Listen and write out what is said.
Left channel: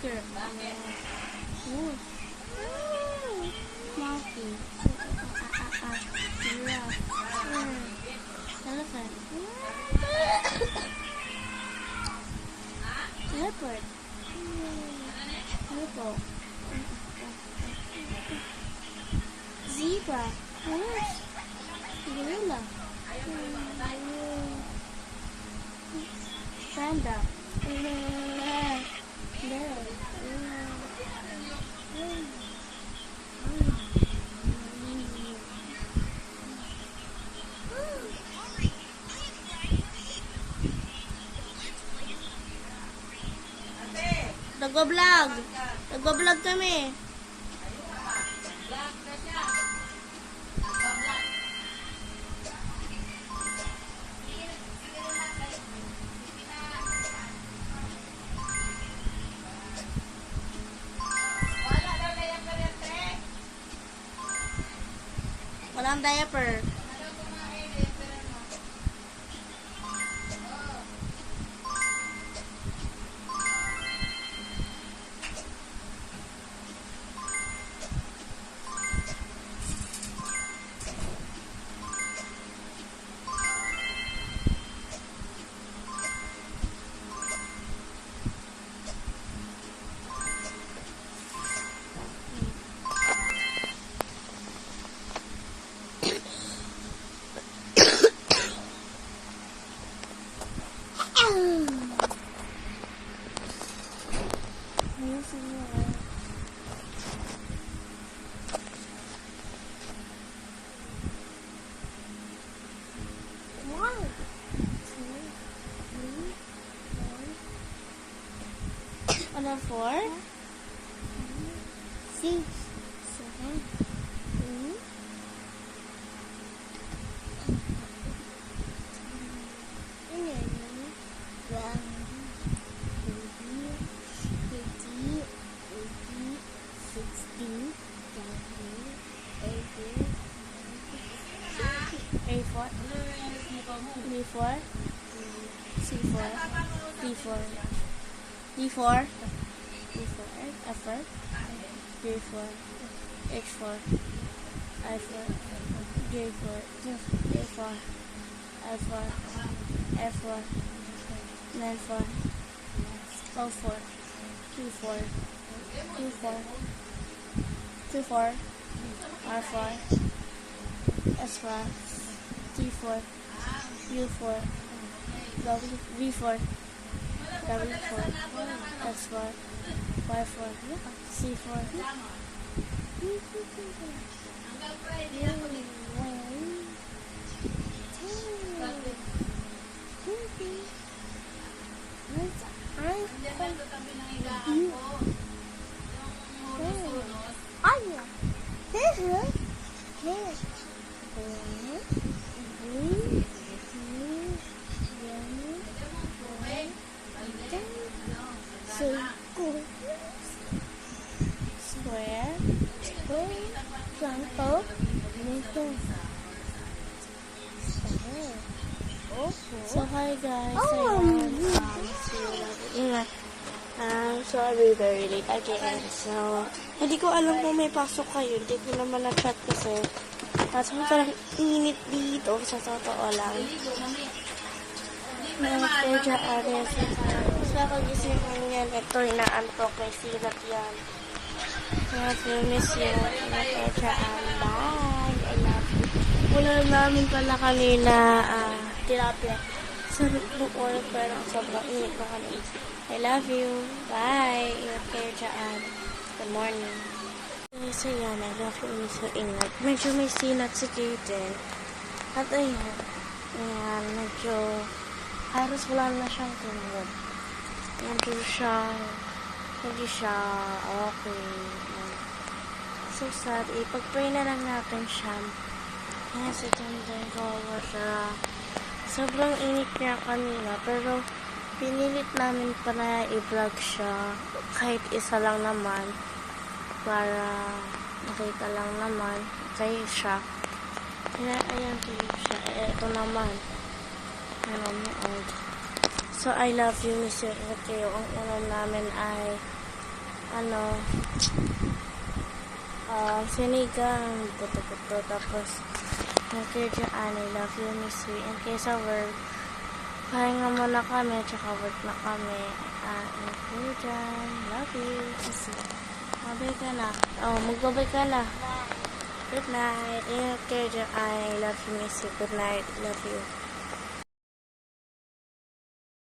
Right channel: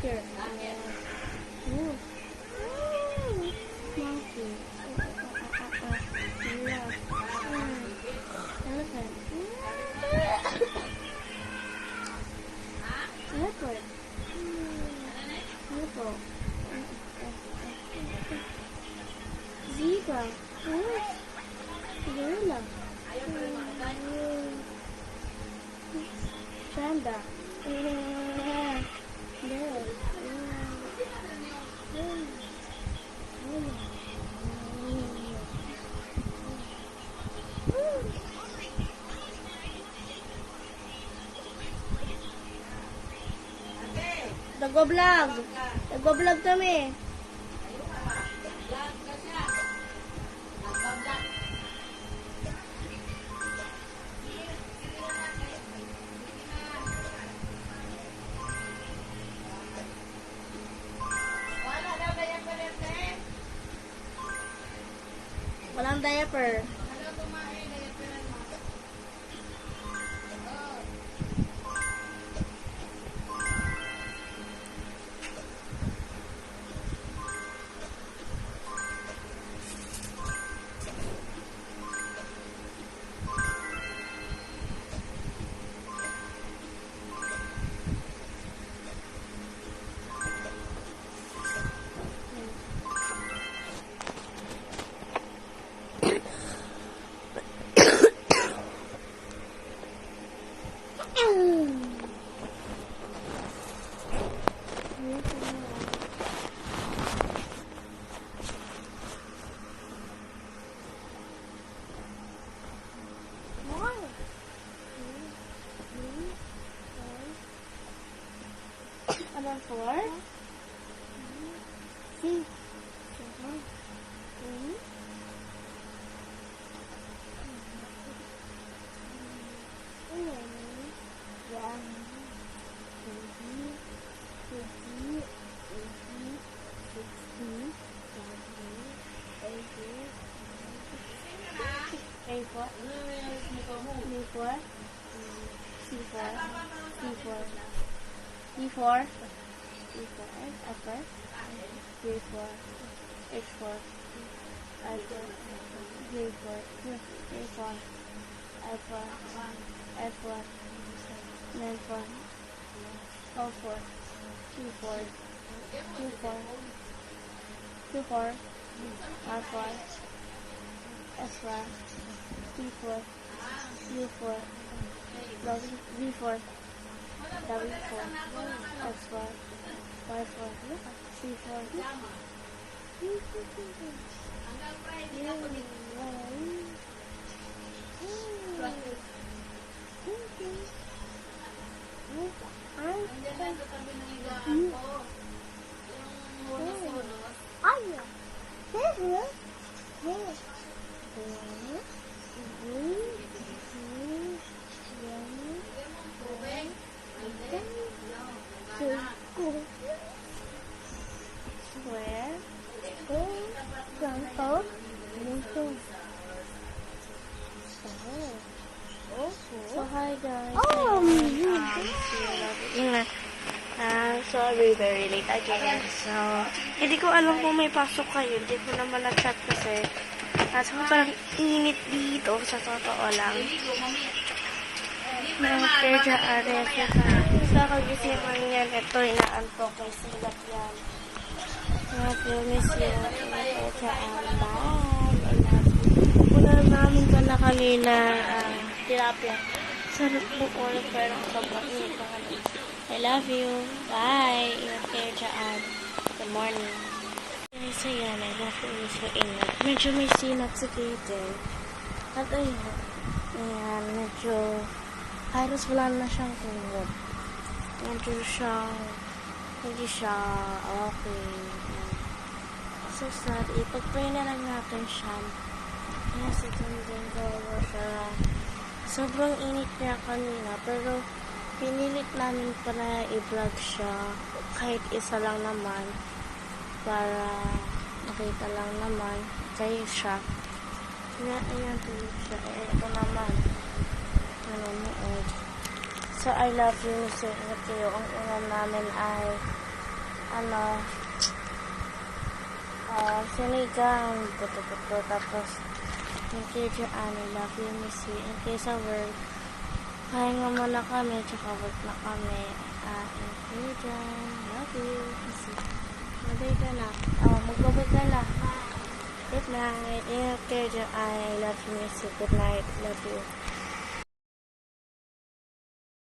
tiger. Monkey. Giraffe. Elephant. Leopard. Hippo. Zebra. Horse. Gorilla. Panda. Bear. Nagbablog. Nagbablog kami. Walang diaper. Ano, 4, 6, 7, 8, D4, F4, G4, H4, I4, J4, A4, I4, F4, N4, O4, Q4, Q4, Q4, R4, S4, T4, U4, V4, W4, X4, Y4, C4, square, triangle, so hi guys. Sorry, very late again. So, hindi ko alam kung may pasok kayo. Hindi ko naman na-check kasi sobrang init dito sa totoo lang. Kaya dyan, sa kagising yan, ito, inaantok kay Silat yan. Kaya miss yun. Kaya dyan, bye. I love you. Wala namin pala kanina tilapia. Sarap buwan, pero ang sobrang init ko kami. I love you. Bye. Ingat kayo dyan. Good morning. Guys, ayan, I love you sa ingat. Medyo may sinat sa gate. At ayun, ayan, medyo halos wala na siyang tulog. Medyo siyang hindi siya okay. So sad. Ipag-pray na lang natin siya. Nasa dyan kaya siya. Sobrang init niya kanina, pero pinilit namin pa na i-vlog siya. Kahit isa lang naman. Para makita lang naman kayo siya. Kaya ayun siya. Ito naman. Nanonood. So I love you, Miss Kayo. Ang ulam namin ay sinigang, buto-buto, tapos yung Kuya Jaan, I love you, miss you. In case of work, pahinga muna kami, tsaka work na kami. In Kuya Jaan, love you, miss you. Mabay ka na. Magbabay ka na. Good night. In Kuya Jaan, I love you, miss you. Good night, love you.